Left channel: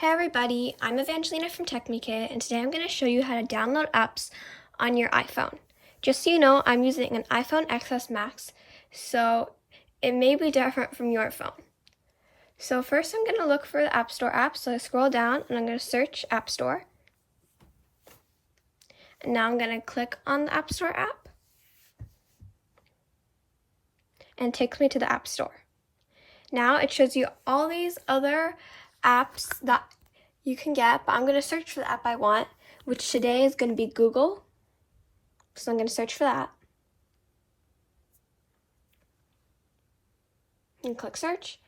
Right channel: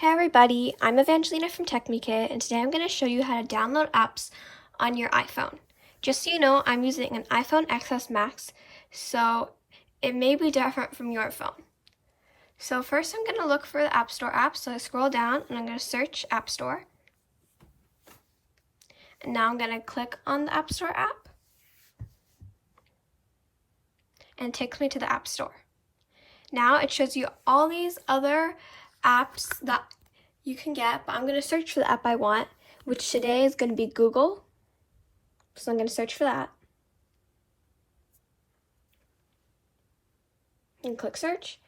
Hey everybody, I'm Evangelina from TechMeKit, and today I'm going to show you how to download apps on your iPhone. Just so you know, I'm using an iPhone XS Max, so it may be different from your phone. So first I'm going to look for the App Store app, so I scroll down and I'm going to search App Store. And now I'm going to click on the App Store app, and it takes me to the App Store. Now it shows you all these other apps that you can get, but I'm going to search for the app I want, which today is going to be Google. So I'm going to search for that. And click search.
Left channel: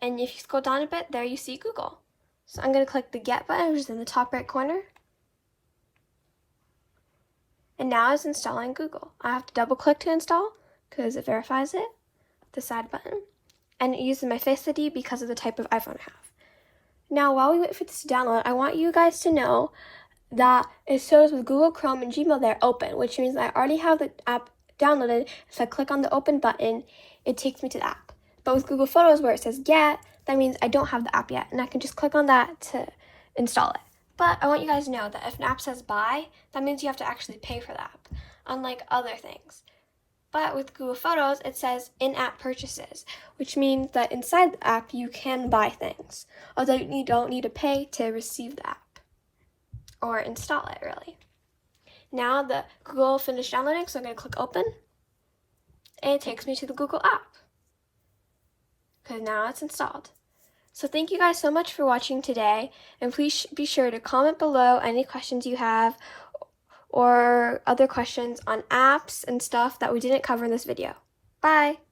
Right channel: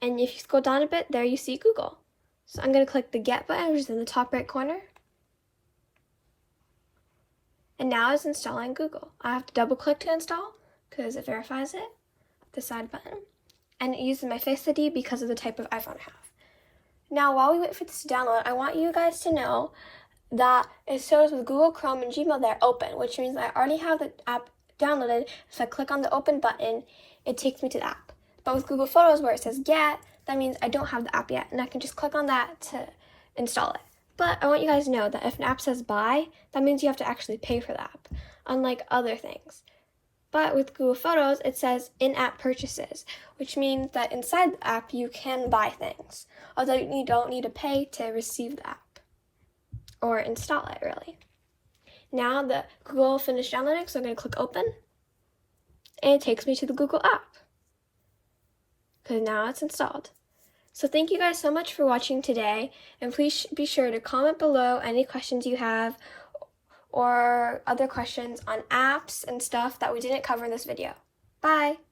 And if you scroll down a bit, there you see Google. So I'm going to click the Get button, which is in the top right corner. And now it's installing Google. I have to double click to install because it verifies it. The side button. And it uses my Face ID because of the type of iPhone I have. Now, while we wait for this to download, I want you guys to know that it shows with Google Chrome and Gmail they're open, which means I already have the app downloaded. If I click on the open button, it takes me to the app. But with Google Photos, where it says Get, that means I don't have the app yet, and I can just click on that to install it. But I want you guys to know that if an app says Buy, that means you have to actually pay for the app, unlike other things. But with Google Photos, it says in-app purchases, which means that inside the app you can buy things, although you don't need to pay to receive the app or install it, really. Now the Google finished downloading, so I'm going to click open, and it takes me to the Google app because now it's installed. So thank you guys so much for watching today, and please be sure to comment below any questions you have or other questions on apps and stuff that we didn't cover in this video. Bye!